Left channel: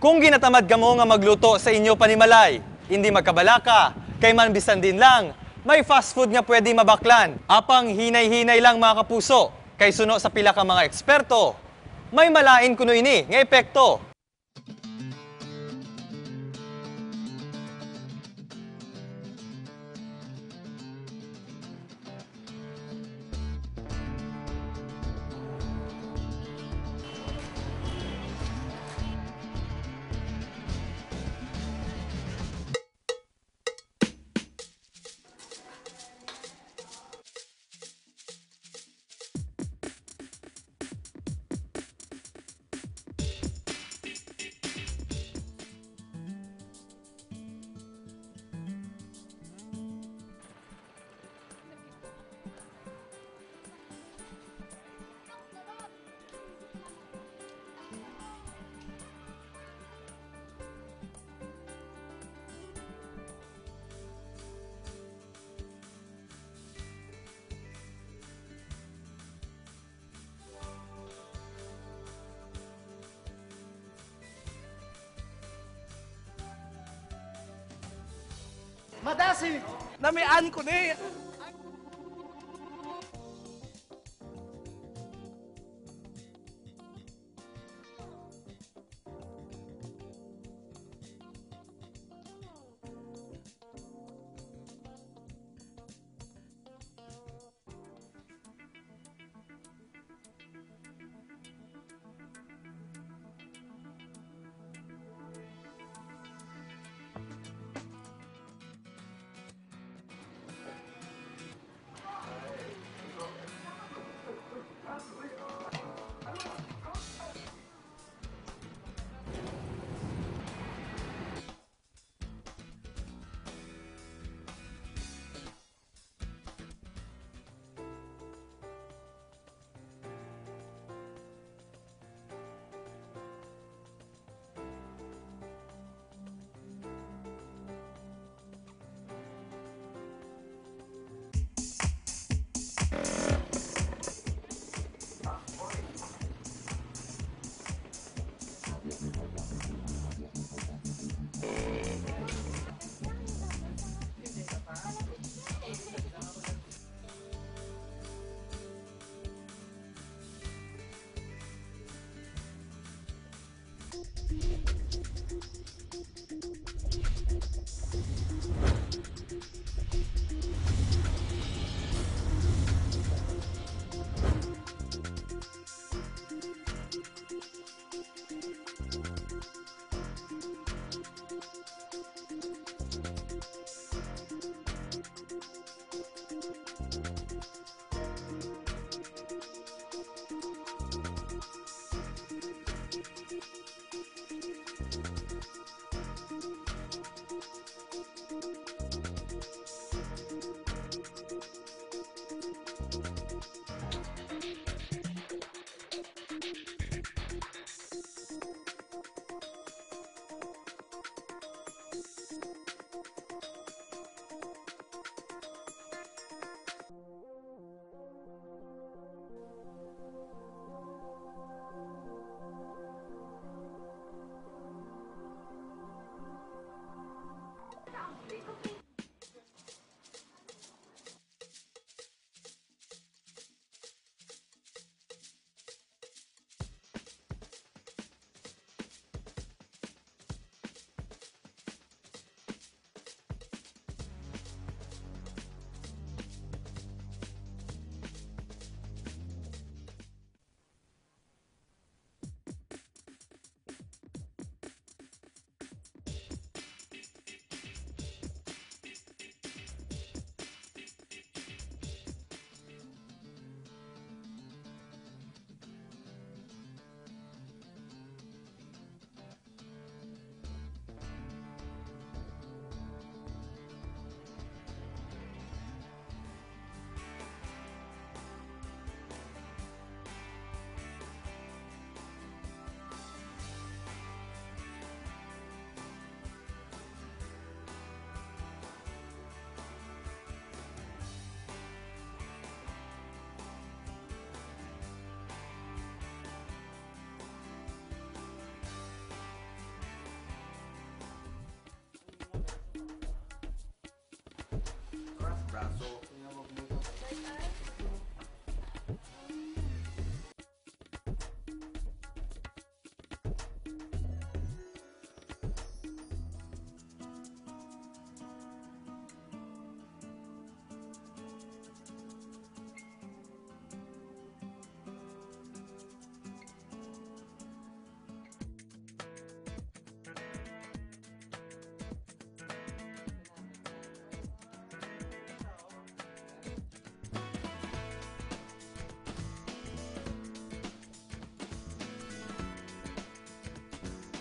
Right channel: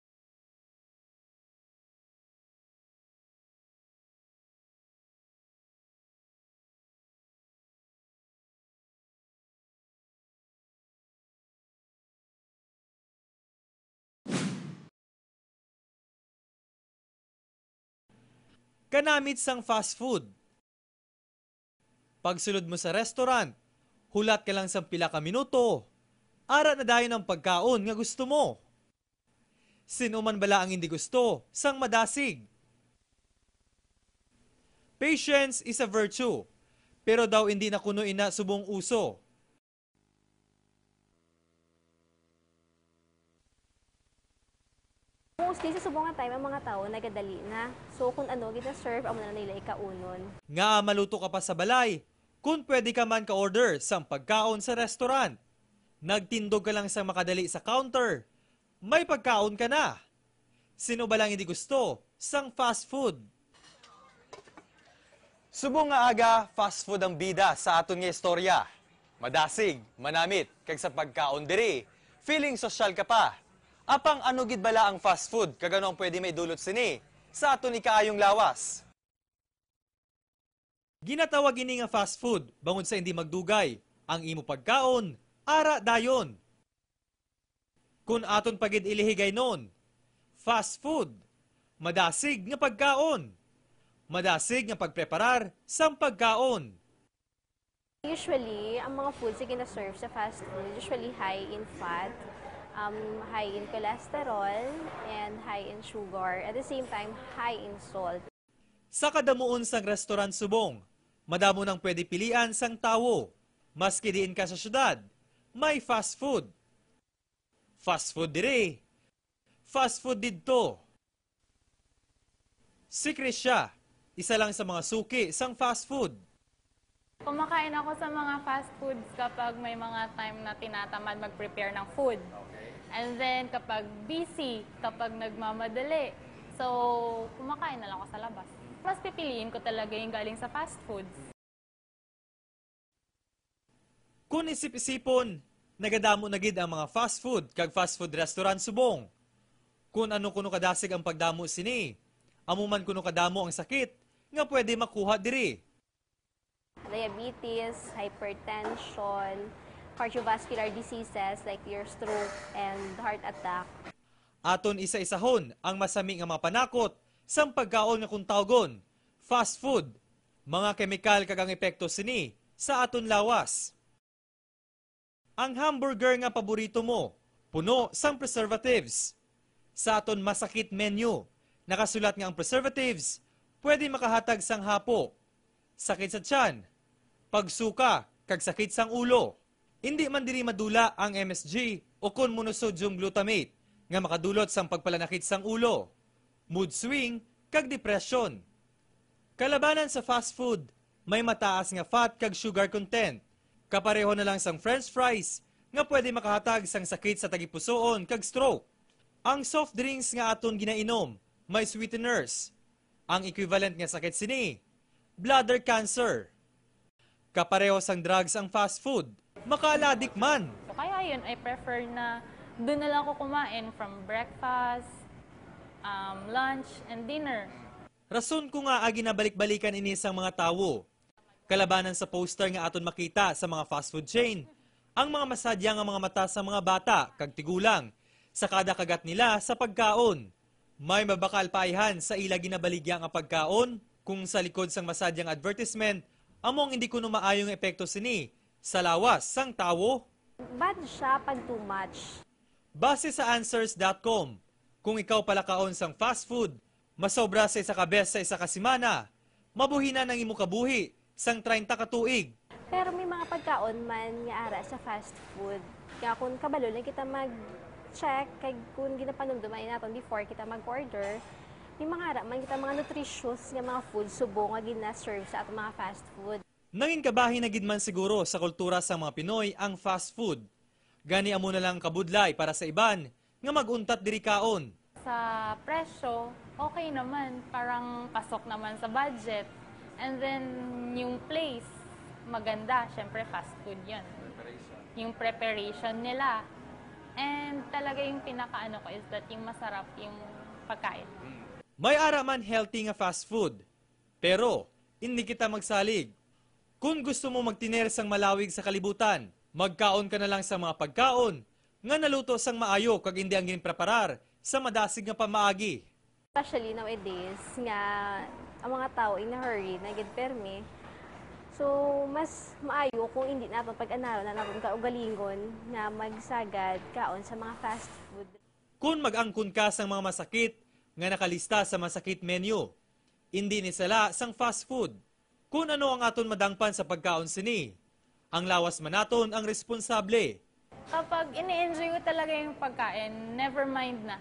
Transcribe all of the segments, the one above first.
Kung ginatamad ka mo nga magluto sa inyo panimalay, hindi magkabalaka, kay man bisan din lang, may fast food nga pwede mabaklan. Apang hinay-hinay lang mga kapuso, kay suno sa pila ka mga eksperto. May malain kuno ini nga epekto. Kanamit sang fast food. Pagsulod mo sa restaurant, hulat ka lang sa pila ka minuto. Ara na dayon ang pagkaon nga gusto mo. Sino man bala ang hindi gusto, sang madasig. Patience is a virtue, pero daw hindi na kuno ina subong uso. Mostly sa subong nga time, ang mga tao nagadali na. So kung ano, gina-serve, amo na nila ikaunon. Nga maluto ka pa sa balay, kung pwede ka man ka-order sang pagkaon sa restaurant. Nagtindog ka lang sa makadali sa counter, may pagkaon ka na. Sino ba lang hindi gusto? Sang fast food. Subong nga aga, fast food ang bida sa aton nga istorya. Madasig, manamit, kag sa pagkaon diri. Feeling social ka pa. Apang ano gid bala ang fast food, kagano ang pwede may dulot sini sa aton ni kaayong lawas. Madasig! Namian ko ni! Ginatawag ini nga fast food, bangod sa hindi magdugay. Ang imo pagkaon, ara dayon. Kung aton pagid ilihigay nun, fast food, madasig nga pagkaon. Madasig nga pagpreparar sang pagkaon. Usually, ang mga foods na gina-serve sa fast food, usually high in fat, high in cholesterol, and high in sugar. At the same time, high in salt. Sa kadamuon sang restaurant subong, madamo nang pwede pilian sang tawo. Maski diin ka sa syudad, may fast food. Fast food dire. Fast food dito. Si Krisha, isa lang sa mga suki sang fast food. Kumakain ako sa mga fast foods kapag may mga time na tinatamad mag-prepare ng food. And then kapag busy, kapag nagmamadali. So, kumakain na lang ako sa labas. Mas pipiliin ko talaga yung galing sa fast foods. Kung isip-isipon, nagadamo na gid ang mga fast food kag fast food restaurant subong. Kung ano kuno kadasig ang pagdamo sini, amuman kuno kadamo ang sakit nga pwede makuha diri. Diabetes, hypertension, cardiovascular diseases like your stroke and heart attack. Aton isa-isahon ang masami nga mga panakot sang pagkaon nga kung tawgon, fast food. Mga kemikal kag ang epekto sini sa aton lawas. Ang hamburger nga paborito mo, puno sang preservatives. Sa aton masakit menu, nakasulat nga ang preservatives, pwede makahatag sang hapo, sakit sa tiyan, pagsuka, kag sakit sang ulo. Hindi man diri madula ang MSG o kon monosodium glutamate nga makadulot sang pagpalanakit sang ulo, mood swing, kag depression. Kalabanan sa fast food, may mataas nga fat kag sugar content. Kapareho na lang sang french fries nga pwede makahatag sang sakit sa tagipusoon kag stroke. Ang soft drinks nga aton ginainom, may sweeteners. Ang equivalent nga sakit sini, bladder cancer. Kapareho sang drugs ang fast food, makaladik man. So, kaya yun, I prefer na doon na lang ako kumain from breakfast, lunch, and dinner. Rason ko nga agi na balik-balikan ini sang mga tawo. Kalabanan sa poster nga aton makita sa mga fast food chain, ang mga masadya nga mga mata sa mga bata kag tigulang sa kada kagat nila sa pagkaon. May mabakal paayhan sa ila ginabaligya nga pagkaon kung sa likod sang masadyang advertisement among hindi kuno maayong epekto sini sa lawas sang tawo. Bad siya pag too much. Base sa answers.com, kung ikaw palakaon sang fast food, masobra sa isa ka bes sa isa ka semana, mabuhina ng imo kabuhi sang 30 ka tuig. Pero may mga pagkaon man nga ara sa fast food. Kaya kung kabalo lang kita mag-check, kay kung ginapanumduman natin before kita mag-order, may mga ara man kita mga nutritious nga mga food subong nga gina-serve sa atong mga fast food. Nangin kabahin na gid man siguro sa kultura sa mga Pinoy ang fast food. Gani amo na lang kabudlay para sa iban nga maguntat diri kaon. Sa presyo, okay naman. Parang pasok naman sa budget. And then, yung place, maganda. Siyempre, fast food yun. Yung preparation nila. And talaga yung pinakaano ko is that yung masarap yung pagkain. May ara man healthy nga fast food. Pero, hindi kita magsalig. Kung gusto mo magtiner sang malawig sa kalibutan, magkaon ka na lang sa mga pagkaon nga naluto sang maayo kag hindi ang ginpreparar sa madasig nga pamaagi. Especially nowadays, nga ang mga tao in a hurry, nagitpermi. So, mas maayo kung hindi nato pag-anaral na natin kaugalingon na magsagad kaon sa mga fast food. Kung mag-angkon ka sang mga masakit nga nakalista sa masakit menu, hindi ni sala sang fast food. Kung ano ang aton madangpan sa pagkaon sini, ang lawas manaton ang responsable. Kapag ini-enjoy ko talaga yung pagkain, never mind na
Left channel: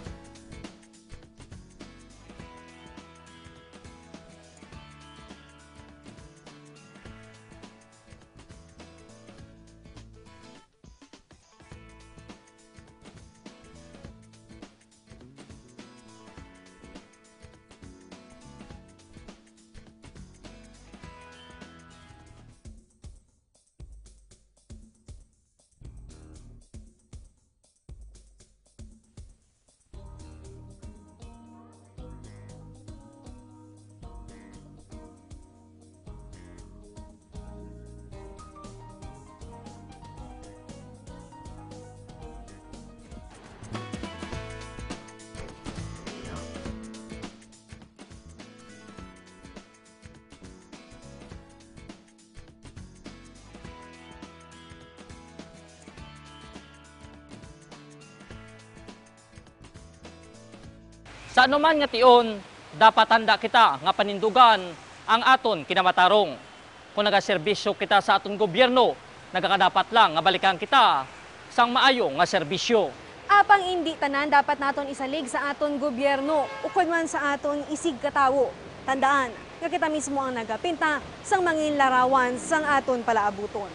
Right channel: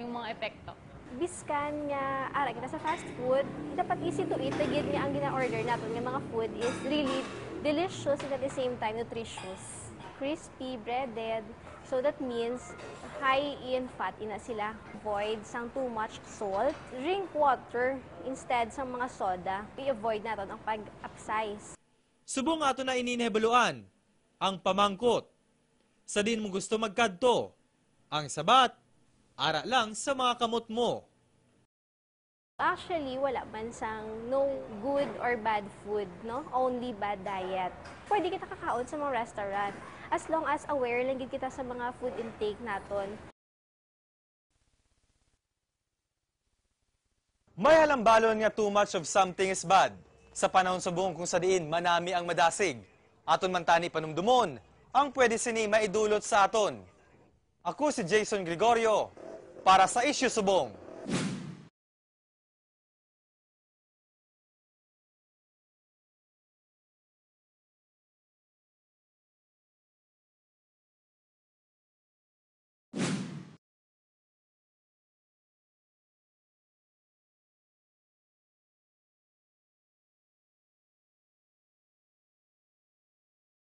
yung mga epekto. Biskan nga ara kita sa fast food, dapat easy to eat. Tagid nga ang gina-order natin nga mga food is really delicious and at the same time nutritious. Crispy, breaded. So that means high in fat na sila. Avoid sang too much salt. Drink water instead sang mga soda. I-avoid natin ang pag-upsize. Subong ato na ininhebeluan ang pamangkot. Sa din mo gusto magkadto, ang sabat, ara lang sa mga kamot mo. Actually, wala man sang no good or bad food, no? Only bad diet. Pwede kita kakaon sa mga restaurant as long as aware lang gid kita sa mga food intake naton. May halambalon nga too much of something is bad. Sa panahon subong kung sa diin manami ang madasig. Aton man tani panumdumon, ang pwede sini maidulot sa aton. Ako si Jason Gregorio para sa Issue Subong. Sa anuman nga tion, dapat handa kita nga panindugan ang aton kinamatarong. Kung nagaserbisyo kita sa aton gobyerno, nagakadapat lang nga balikan kita sang maayo nga serbisyo. Apang hindi tanan dapat naton isalig sa aton gobyerno ukod man sa aton isig katawo. Tandaan, nga kita mismo ang nagapinta sang mangin larawan sang aton palaabuton.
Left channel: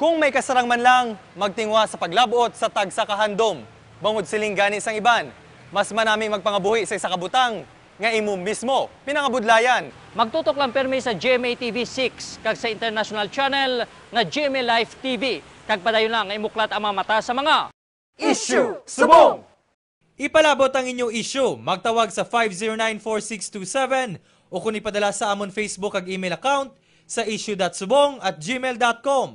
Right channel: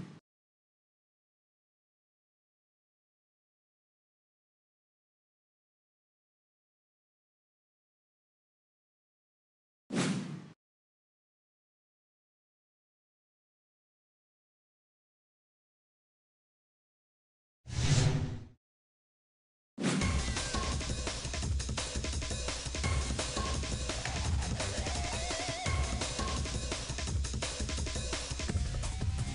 Kung may kasarang man lang, magtingwa sa paglabuot sa tagsa kahandom. Bangod siling gani sang iban, mas manaming magpangabuhi sa isa kabutang, nga imo mismo pinangabudlayan. Magtutok lang permi sa GMA TV 6 kag sa international channel nga GMA Live TV. Kag padayon lang nga imuklat ang mga mata sa mga Issue Subong! Ipalabot ang inyong issue. Magtawag sa 5094627 o kung ipadala sa amon Facebook ag email account sa issue.subong@gmail.com.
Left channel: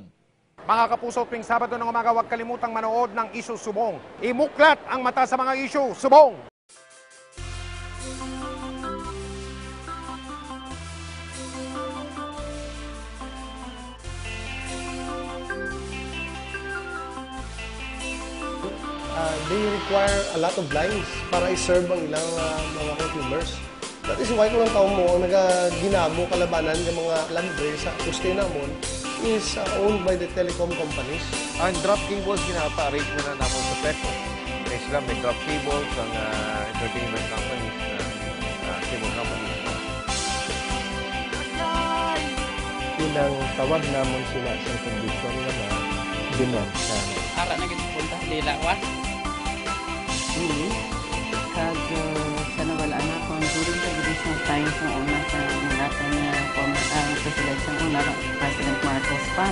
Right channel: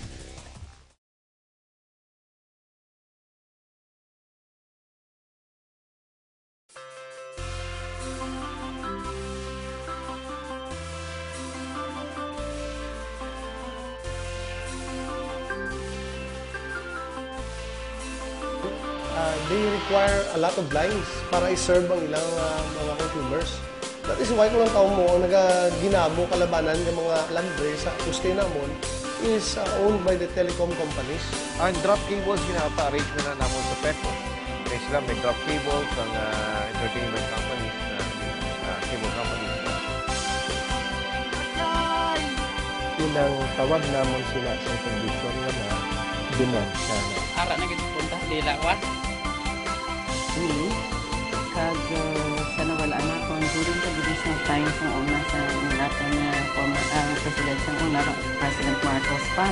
Mga kapuso, tuwing Sabado ng umaga, huwag kalimutang manood ng Issue Subong. Imuklat ang mata sa mga issue. Subong! They require a lot of lines para i-serve ang ilang mga consumers. That is why kung ang taong mo, ang ginamo kalabanan ng mga landre sa kuste namon is owned by the telecom companies. Ang drop cables, ginapa-arrange na naman sa PECO. Kaya sila may drop cables ang entertainment companies, cable companies. Ilang tawag namon sila sa kondisyon nga na dementia. Ara na gid punta di lawas. Kag sa nawala na kung during the judicial times ng una sa natin na President sa una, President Marcos pa.